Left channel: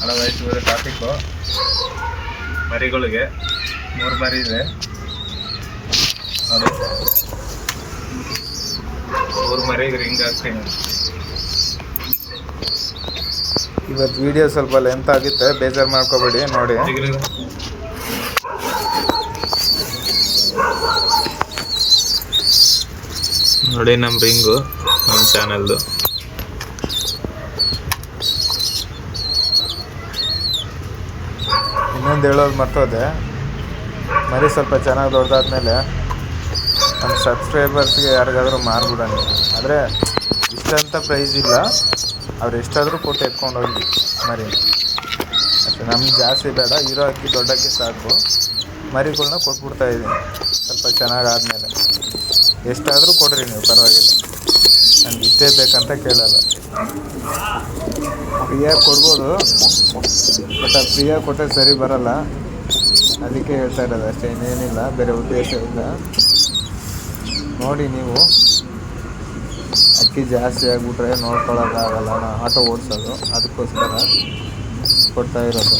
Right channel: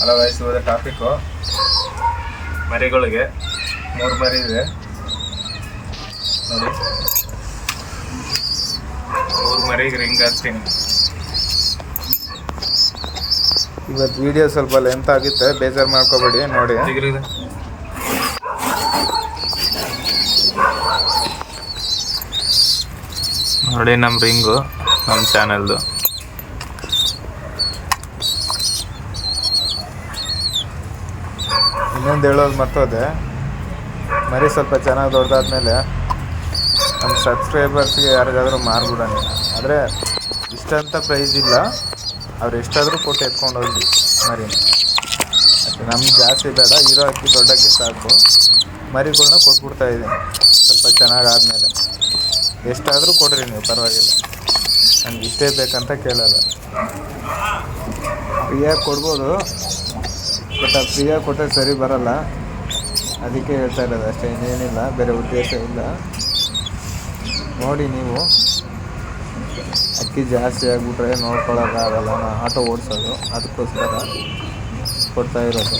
Hello ವಯಸ್ಸು traffic ಮರಿಗಳಿಗೆ ಮೂರು ಮರಿ ಇದೆ. ನೋಡಿ. ಮೂರು ಮರಿಗೆ ರಿಂಗ್ ಹಾಕ್ತೀನಿ ಇವತ್ತು ವಿಡಿಯೋ ಸ್ವಲ್ಪ ಲೆಂತ್ ಆಗುತ್ತೆ ಬೇಜಾರು ಮಾಡ್ಕೋಬೇಡಿ ನೋಡಿ. ನೋಡಿ ನಮ್ಮ ರಿಂಗು ನಮ್ಮ ಚಾನಲ್ದು ಇನ್ನೊಂದು ಹೇಳೋದು ಮರ್ತೋದೆ. ಮರಿ ಸ್ವಲ್ಪ ಚೆನ್ನಾಗಿ ದೊಡ್ಡದಾದ್ಮೇಲೆ ನಮ್ಮ ಸಬ್ಸ್ಕ್ರೈಬರ್ಸ್ಗೆ ಯಾರಿಗಾದ್ರೂ ಮಾರ್ಬಿಡೋಣ. ಆದರೆ ಇಷ್ಟಂತ ಪ್ರೈಸ್ ಇಲ್ಲ. ಅವ್ರು ಎಷ್ಟಾದರೂ ಕೊಟ್ಟು ಎತ್ಕೊಂಡು ಹೋಗಿ ಮರಿ ಮತ್ತು ನಮ್ಗೆ ಜಾಸ್ತಿ ಬೇಡ. ಇರೋ ಅಕ್ಕಿ ದೊಡ್ಡಕ್ಕೆ ಸಾಕು. ಮರಿಗಳನ್ನ ಕೊಟ್ಬಿಡ್ತಾ ಇದ್ದೀನಿ ಸ್ವಲ್ಪ ಚೆನ್ನಾಗಿ ಆದಮೇಲೆ ಎಷ್ಟಾದರೂ ಕೊಡ್ರಿ ನೀವು, ಪರವಾಗಿಲ್ಲ. ನನಗೆ ಇಷ್ಟೇ ಬೇಕಂತ ಕೇಳಲ್ಲ. ಫ್ರೀಯಾಗಿ ಕೊಡ್ಬೋದು ಬಟ್ ಅದು ಫ್ರೀಯಾಗಿ ಕೊಟ್ಟರೆ ಸರಿ ಬರಲ್ಲ. ಅದಕ್ಕೆ ಹೇಳ್ತಾ ಇರೋದು ಅಷ್ಟೇ, ಇನ್ನೇನಿಲ್ಲ, ಬೇರೆ ಉದ್ದೇಶ ಇಲ್ಲ. ನೋಡಿ ನೀವು. ಅಕ್ಕಿ ಜಾಸ್ತಿ ಆಗಿಬಿಟ್ರೆ ನೋಡ್ಕೊಳ್ಳೋಕ್ಕಾಗಲ್ಲ, ನಾ ಆಟೋ ಓಡಿಸೋದು, ಅದಕ್ಕೋಸ್ಕರ ಕೊಡ್ತಾ ಇರೋದು.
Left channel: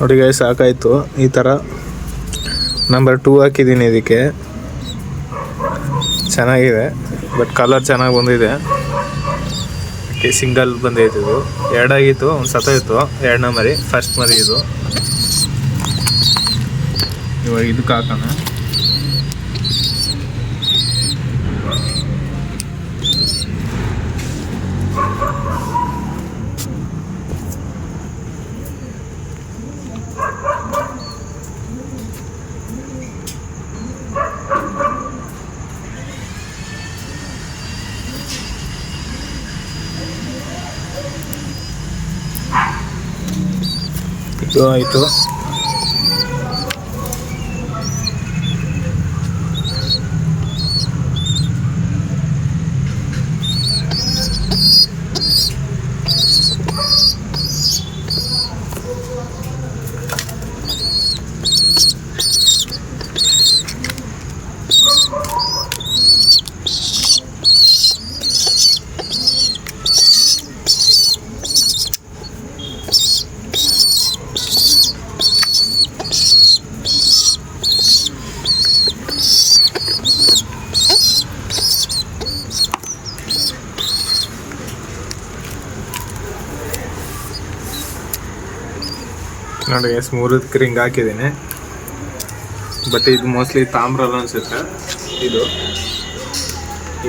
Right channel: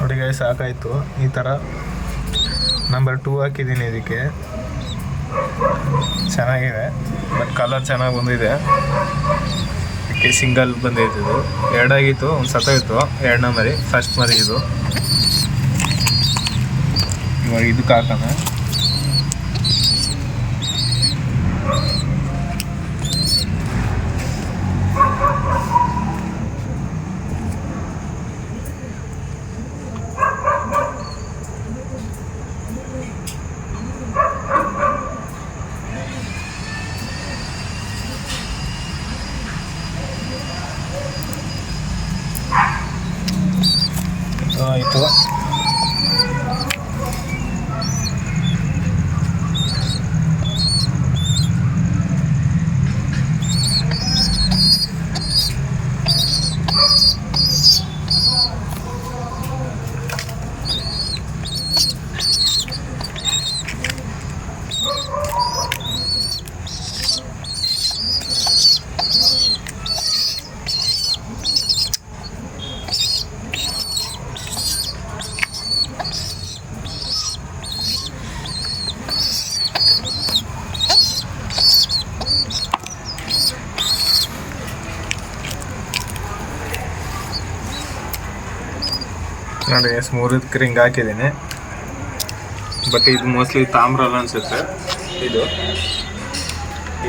ನೋಡಿ ಸಾಕಾಯಿತು. ಈ ಥರ ನಂಬರ್ ಟೂ ಹಾಕಿದ್ದೀನಿ ಇದಕ್ಕೆ. ಚೆನ್ನಾಗಿದೆ ಬಟ್ ಕಲರ್ ಚೆನ್ನಾಗಿ ಬಂದಿದೆ. ಅದಕ್ಕೆ ಸಿಂಗಲ್ ಬಂದೈತೆ ಇದು. ಎರಡಾಗಿತ್ತು, ಒಂದು ಸತ್ತೋಯ್ತು. ಎರಡನೇ ಮರಿ ಫಸ್ಟ್ ಮರಿ ಇದು. ಇವಾಗ ಇದಕ್ಕೆ ಹಾಕೋಣ. ಇದು ಆಯಿತು ನೋಡಿ ಎಸ್ ಮೂರಕ್ಕೆ ರಿಂಗ್ ಹಾಕಿದ್ದೀನಿ. ಬಟ್ ಇದು ಮೋಸ್ಟ್ಲಿ ತಾಮ್ರಲ್ಲ ಅನ್ಸುತ್ತೆ. ಇದು.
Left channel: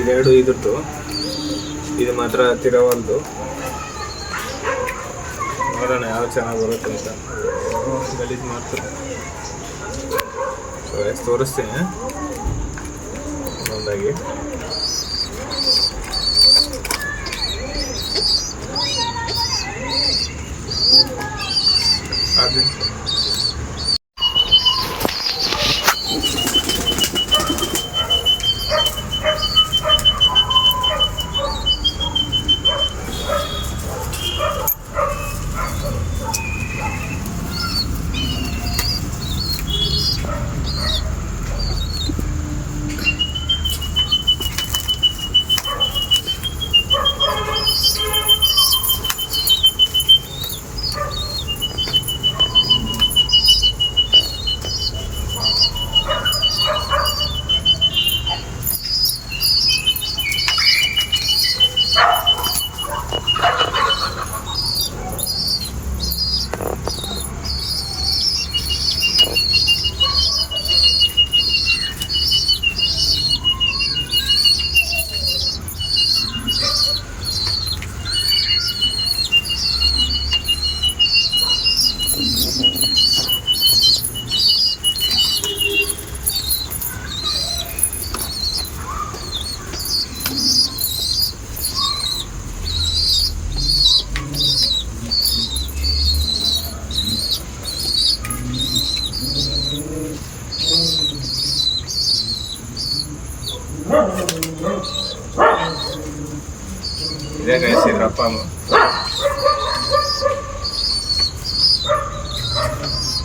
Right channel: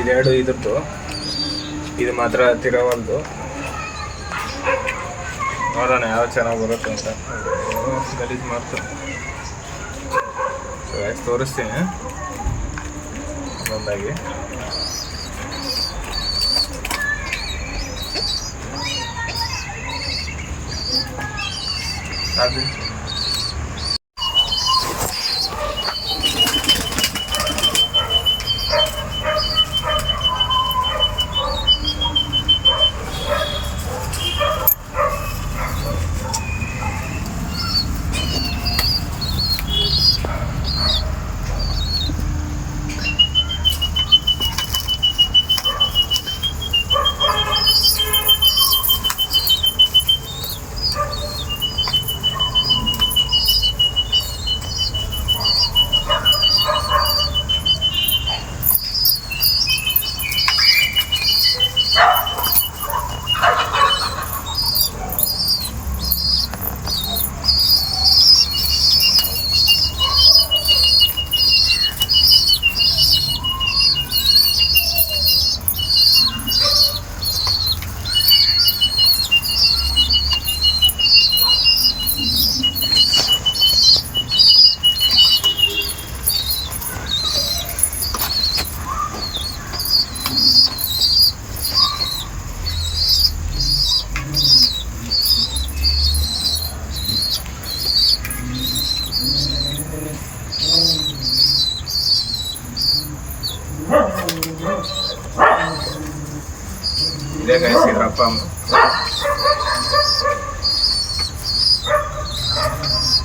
ಇದೆರಡು ಇದ್ರದ್ದು. ಇದು ಮಾತ್ರ ತಿರವಲ್ದು ನೋಡೋಣ ಯಾವ ಚೆನ್ನಾಗಿ ಬರುತ್ತೆ ಅಂತ. ಗಲೀಜ್ ಗಲೀಜು ಮಾಡ್ತು ಸೊ ಎಷ್ಟು ತೋರಿಸ್ತೀನಿ. ಒಂದೊಂದಾಗಿ ಅದು ಇದೇ ಇದ್ರ ಅಪ್ಪ ಅಮ್ಮ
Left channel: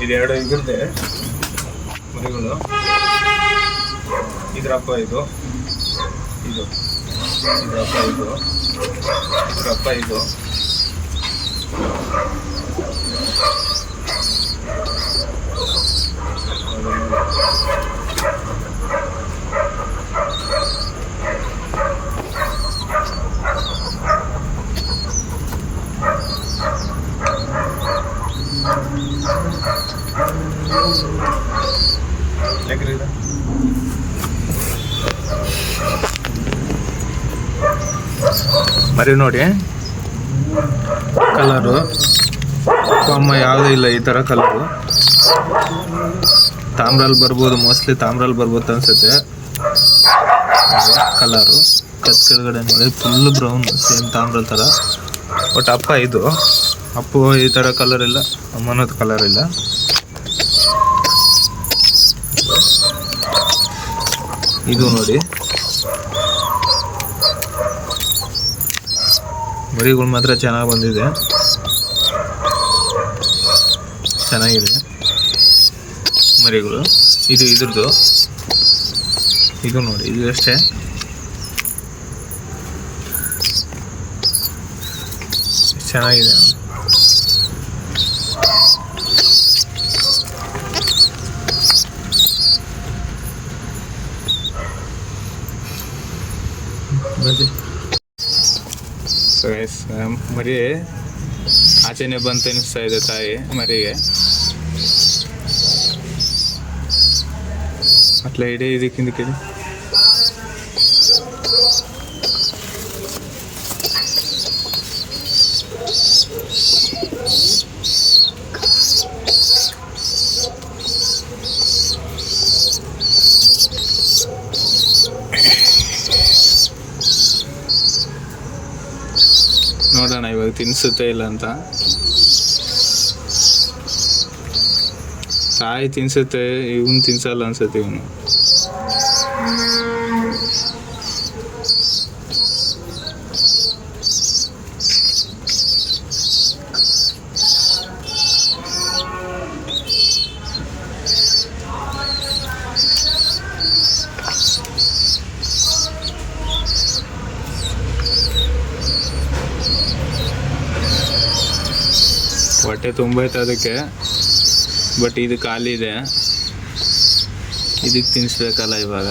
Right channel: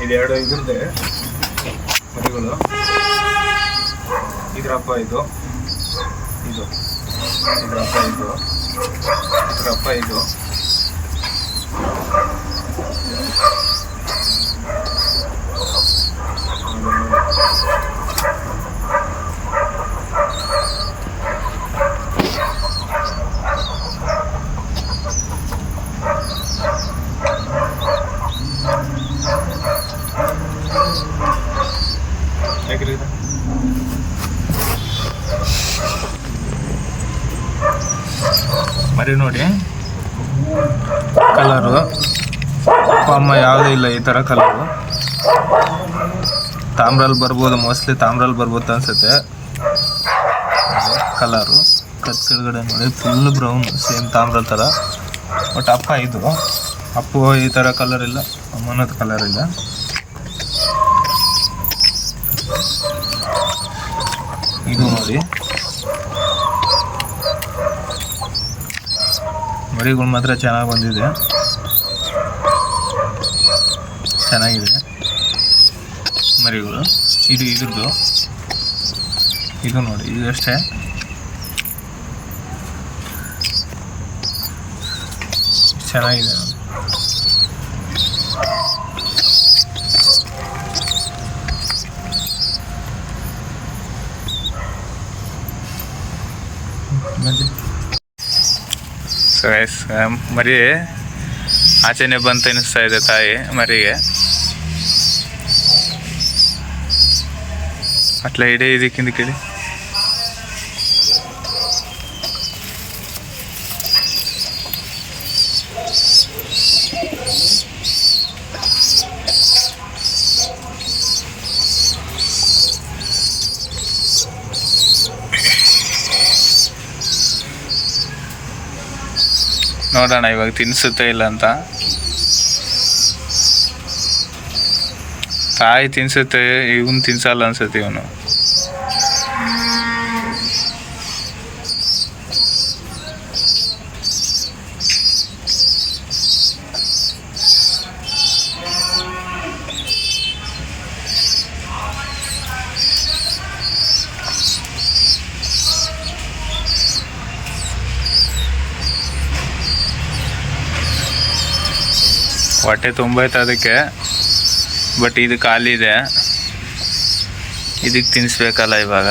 ಇದೆರಡು ಇದ್ರದ್ದೆ ಮರಿಗಳು. ಇದ್ರಪ್ಪ ಇದು. ಇದು. ಇದ್ರಪ್ಪ ಇದು. ಇದ್ರಪ್ಪ ಇದು. ನೋಡಿ. ಮರಿ ನೋಡಿ. ಕಲರು ಅಮ್ಮ ಯಾವುದೇ ಇಲ್ಲ ಈ ಥರ ಕಲರು ತಾಮ್ರಲ್ಲಿ ಬರ್ಬೋದು ಮೋಸ್ಟ್ಲಿ ತಾಮ್ರಲ್ಲಿ ಬರ್ಬೋದು ಅನ್ಸುತ್ತೆ. ಕಲರು ಕತ್ ಕೆಳಗಡೆ ನೋಡಿ ಫುಲ್ ಬ್ರೌನ್ ಸೇಮ್ ತಾಮ್ರಲ್ ಥರ ಬಟ್ ಅಪ್ಪ ಇದು. ಅಪ್ಪು ಈ ಥರ ಕಲರ್ ಇಲ್ಲ, ಅಮ್ಮನದ ಕಲರ್ ಇಲ್ಲ. ಇದು ನೋಡಿ. ಮರಿಗಳು ಮಾತ್ರ ಚೆನ್ನಾಗಿ ಬಂದಿದೆ. ಚೆನ್ನಾಗಿದೆ. ಮರಿಗಳು. ಇದು ಇದ್ರದ್ದು. ಇದು ನೋಡಿ, ಇದು ಅಷ್ಟೇ. ಚೆನ್ನಾಗಿದೆ ನೋಡಿ. ಬಂದಿ. ಸೊ ಗೈಸ್ ಮರಿ ಆಚೆನೆ ಬಂತು ಅನ್ನಿಸ್ತಾ ಇದೆ ತಾಯಿ ಮರಿಗೆ ಅಟ್లా ಇಡೀ ಇದಕ್ಕಿಂದ ಕೇಳಿ ನೋಡೋಣ ಇವಾಗ ತಿನ್ಸುತ್ತೆ ಇಲ್ಲ ಅಂತ. ತಾಯಿ ತಿನ್ಸುತ್ತೆ ಇವನು ತಿನ್ಸಲ್ಲ ಅನ್ಸುತ್ತೆ ಇವನು. ಹೊಟ್ಟೆ ತುಂಬೈತೆ ಅದಕ್ಕೆ. ಬಟ್ ಇದು ಖಾಲಿ ಇದೆ. ಇದಕ್ಕೆ ತಿನ್ನಿಸ್ಬೇಕಲ್ಲ ಇವಾಗ.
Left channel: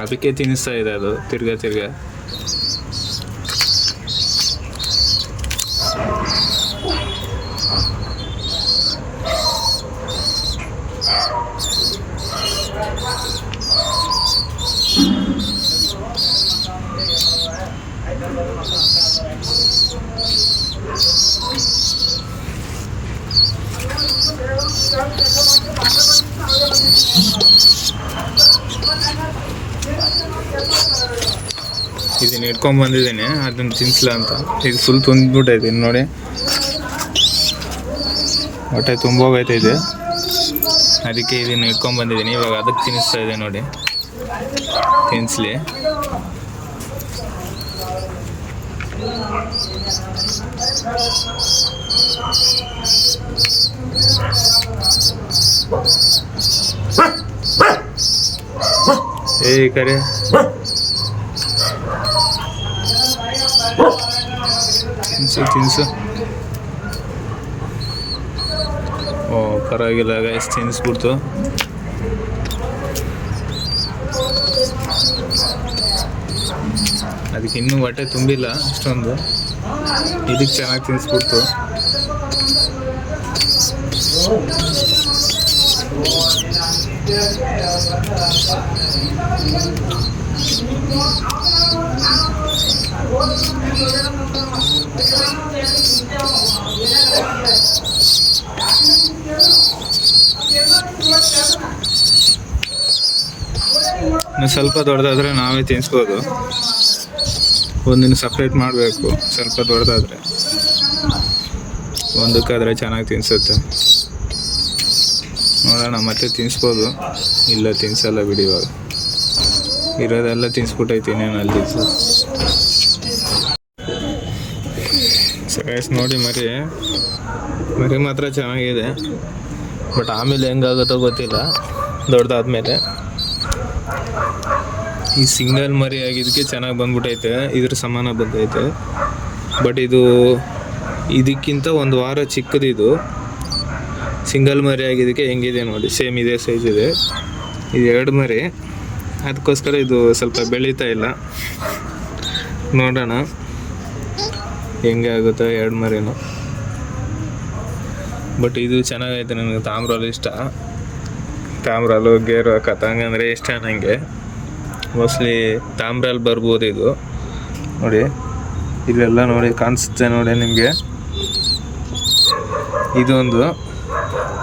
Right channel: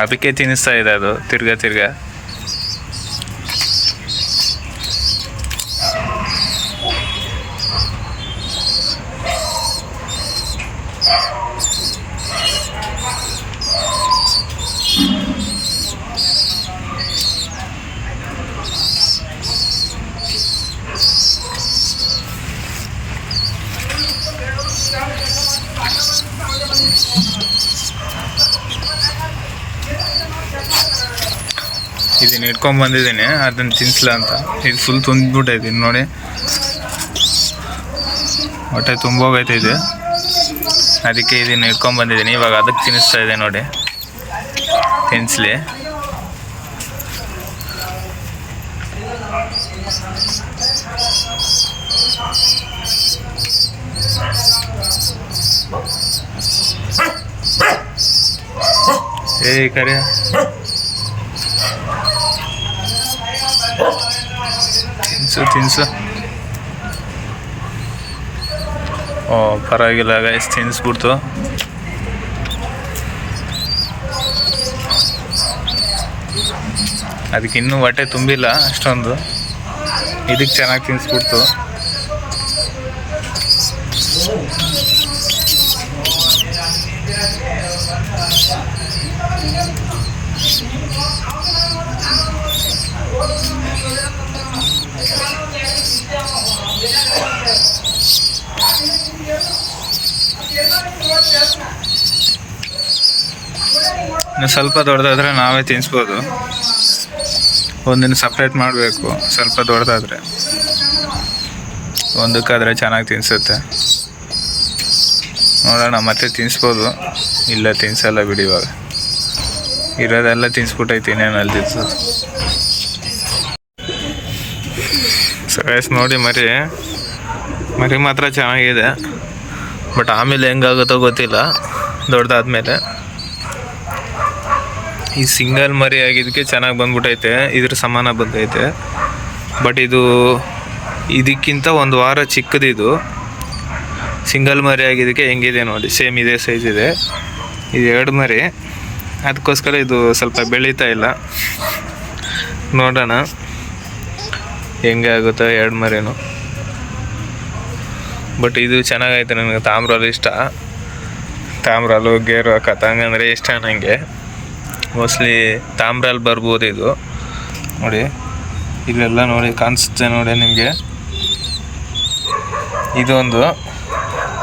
ಅದಕ್ಕೆ ತಿನ್ನಿಸ್ತಾ ಇದೆ ಅದು, ತಿರ್ಗಾ ತಿರ್ಗಾ. ಇದನ್ನ ಇಟ್ಕೊಂಡು ಬಂದಿದ್ದೀನಿ, ಅದನ್ನು ತಿನ್ಸ್ಲಾ ಅಂತ. ಇದು ಫುಲ್ ತುಂಬಿಬಿಟ್ಟೈತೆ ಇನ್ನು ನೋಡಿ. ಹೊಟ್ಟೆ ತುಂಬೋಗೈತೆ ಇದೆ ಅದಕ್ಕೆ ಇದನ್ನು ಇಟ್ಕೊಂಡು ಬಂದಿದ್ದೀನಿ, ಇವಾಗ ಅದಕ್ಕೆ ತಿನ್ನಿಸ್ತಾ ಇದೆ ನೋಡಿ. ತಿನ್ಸಲಿ. ಏ ಕರೆ. ತಿನ್ಸು ತಿನ್ಸು ಓ ಪರವಾಗಿಲ್ಲ ಗೈಸ್ ತಿನ್ಸ್ಬಿಡ್ತು ಅದಕ್ಕೆ ಇನ್ನೂ ಹೊಟ್ಟೆ ತುಂಬಿಲ್ಲ ಅಷ್ಟೊಂದು. ಇದಕ್ಕೆ ಚೆನ್ನಾಗಿ ತಿನ್ಸ್ಬಿಡ್ತು ಇನ್ನು ಸ್ವಲ್ಪ ದೊಡ್ಡದಾದರೆ ನಾವೇ ತಿನ್ಸ್ಬೋದು. ಒಂದಿನ ಸಪ್ರೇಟ್ ಮಾಡಬೇಕು, ಸ್ವಲ್ಪ ದೊಡ್ಡದಾದ್ರೆ. ಒಂದಕ್ಕಾದರೆ ಚೆನ್ನಾಗಿ ತಿನ್ಸುತ್ತೆ. ನೋಡೋಣ, ಮತ್ತೆ ತಿನ್ಸ್ಬೋದು. ಇಲ್ಲ, ತಿನ್ಸಲ್ಲ ಬಿಡಿ ಇವಾಗ. ಇರೋದೆಲ್ಲ ತಿನ್ಸ್ಬಿಟ್ಟೈತೀನಿ ಇನ್ನೇನು ಅಲ್ಲಿ ತಿನ್ಸೋದು. ಸೈಸ್ ನೋಡಿ ಮರಿ. ಮರಿ ಮಾತ್ರ ಚೆನ್ನಾಗಿದೆ. ಬಟ್ ಆಮೇಲೆ ಹೆಂಗಾಗುತ್ತೋ ಗೊತ್ತಿಲ್ಲ. ದೊಡ್ಡದಾದ್ಮೇಲೆ ಈ ಸಿಂಗಲ್ ಮರಿ ಆಗಿದ್ದಕ್ಕೆ ಚೆನ್ನಾಗಿ ಬಂದ್ಬಿಟ್ಟೈತೆ ಇದ್ರ ಸಮಾನ ಬಂದೈತೆ. ಬಟ್ ಇದು ಇದಕ್ಕಿಂತ ಒಂದು ವಾರ ಚಿಕ್ಕದಿದು. ಸಿಂಗಲ್ ಮರಿ ಆಗಿದ್ದಕ್ಕೆ ಹೆಂಗಿದೆ ನೋಡಿ, ಸೇಮ್ ಇದೇ ಸೈಜ್ ಇದೆ. ಇದು ಎರಡು ಮರಿ. ಅದಕ್ಕೋಸ್ಕರ ಇದು ಸ್ವಲ್ಪ ಬೆಳೀತಾ ಇಲ್ಲ. ನೋಡೋಣ. ಹೆಂಗೆ ಆಗುತ್ತೋ ಎರಡು ಮರಿನೂ. ಬಟ್ ಇದು ಚೆನ್ನಾಗೈತೆ, ನನಗೆ ತಾಮ್ರಲ್ಲಿ ಇಷ್ಟ. ತಾಮ್ರಲ್ಲು ಗೇರು ಕತಂಗ ಅಂದರೆ ಇಷ್ಟ ನನಗೆ ಮೋಸ್ಟ್ಲಿ ತಾಮ್ರಲ್ಲಿ ಬರ್ಬೋದು ಇದು. ನೋಡಿ, ಇಲ್ಲೆಲ್ಲ ನೋಡಿ ಕಾಣಿಸುತ್ತೆ ನೋಡಿ ನಿಮಗೆ. ಇದೊಂದು.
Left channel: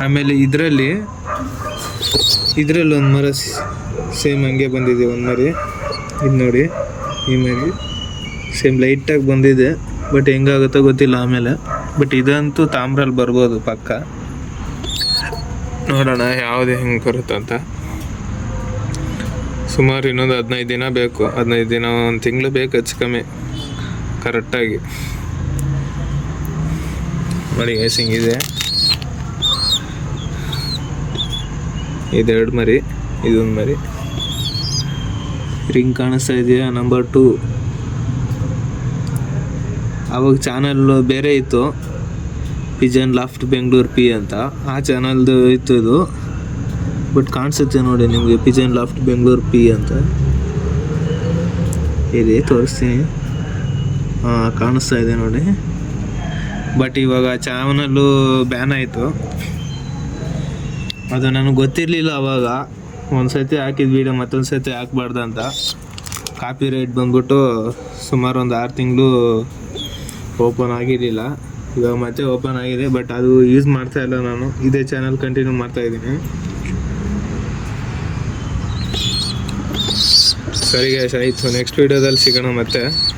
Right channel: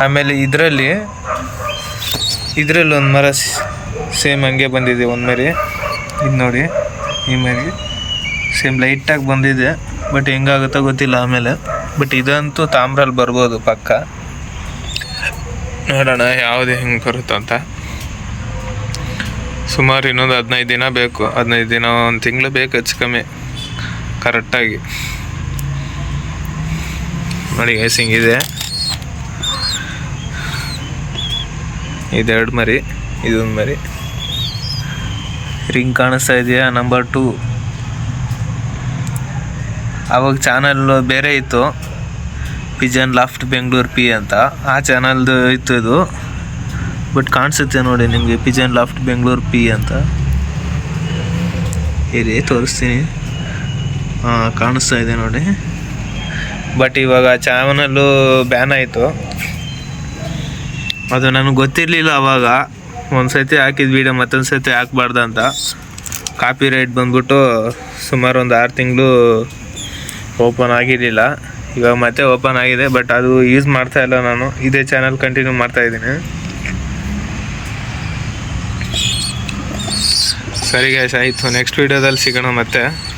ಆಮೇಲೆ ಇದರಲ್ಲಿ ಇದರಲ್ಲಿ ಒಂದು ಮರ ಸೇಮ್ ಹಂಗೆ ಬಂದಿದೆ ಒಂದು ಮರಿ. ಇದು ನೋಡಿ, ಈ ಮರಿ ಸೇಮ್ ಲೈಟಾಗಿ ಬಂದಿದೆ ಬಟ್ ಹೆಂಗಾಗುತ್ತೋ ಗೊತ್ತಿಲ್ಲ ಆಮೇಲೆ. ಬಟ್ ಇದಂತೂ ತಾಮ್ರಲ್ಲಿ ಬರ್ಬೋದು ಪಕ್ಕ. ನೋಡೋಣ ಯಾವುದೇ ಹೆಂಗೆ ಬರುತ್ತಂತ. ಸುಮಾರು ಇನ್ನೊಂದು ಹದಿನೈದು ದಿನ ಬೇಕು. ಹದಿನೈದು ದಿನ, ಒಂದು ತಿಂಗಳು ಬೇಕು ಹೆಚ್ಚು ಕಮ್ಮಿ. ಕರೆಕ್ಟಾಗಿ. ನೋಡಿ ಏಸಿಂಗ್ ಇದೆ. ಇದೆರಡು ಮರಿ, ಇದೊಂದು ಮರಿ. ರಿಂಗ್ ಕಾಣಿಸ್ತಾ ಇದೆಯಾ? ನಂಬರ್ ಟೂ ಅವಾಗ ಚಾನಲ್ ಬೇರೆ ಇತ್ತು. ಪಿಜನ್ ಲಾಫ್ಟ್ ಬೆಂಗಳೂರು ಪಿ ಅಂತ. ಆ ಚಾನಲ್ದು ಇತ್ತು ಇದು. ಬಟ್ ಕಾಣಿಸುತ್ತೆ ನೋಡಿ ನಿಮಗೆ ಪಿಜನ್ ಲಾಫ್ಟ್ ಬೆಂಗಳೂರು ಪಿ ಅಂತ. ಇರಿ ತೋರಿಸ್ತೀನಿ. ಹಾಂ ಕಾಣಿಸ್ತಾ ಇದೆ ನೋಡಿ. ಬಟ್ ಇವಾಗ ಚಾನಲ್ಲು ಬ್ಯಾನ್ ಆಯಿತು. ಅದು ನನಗೆ ಗೊತ್ತಿರಲಿಲ್ಲ ಅವಾಗ. ಒಂದು ಸತಿ ಹಾಕಿದ ವೀಡಿಯೋ ಮತ್ತೊಂದು ಸತಿ ಹಾಕ್ಬಾರ್ದು ಅಂತ. ಕಾಪಿ ರೈಟ್ ಬಂದ್ಬಿಟ್ಟು ಸುಮಾರು ಒಂದು ಆರು ತಿಂಗಳು ಓಪನ್ ಆಗಿರಲಿಲ್ಲ. ಇವಾಗ ಮತ್ತೆ ಓಪನ್ ಆಗಿದೆ, ಬಟ್ ಅದು ಯೂಸ್ ಮಾಡ್ತಾ ಇಲ್ಲ ನಾನು. ಇದೇ ಚಾನಲ್ ಕಂಟಿನ್ಯೂ ಮಾಡ್ತಾ ಇದ್ದೀನಿ. ಸರಿ ಗೈಸ್ ಆಯಿತು. ನೆಕ್ಸ್ಟ್ ವೀಡಿಯೋದಲ್ಲಿ ಸಿಗೋಣ ಮತ್ತೆ.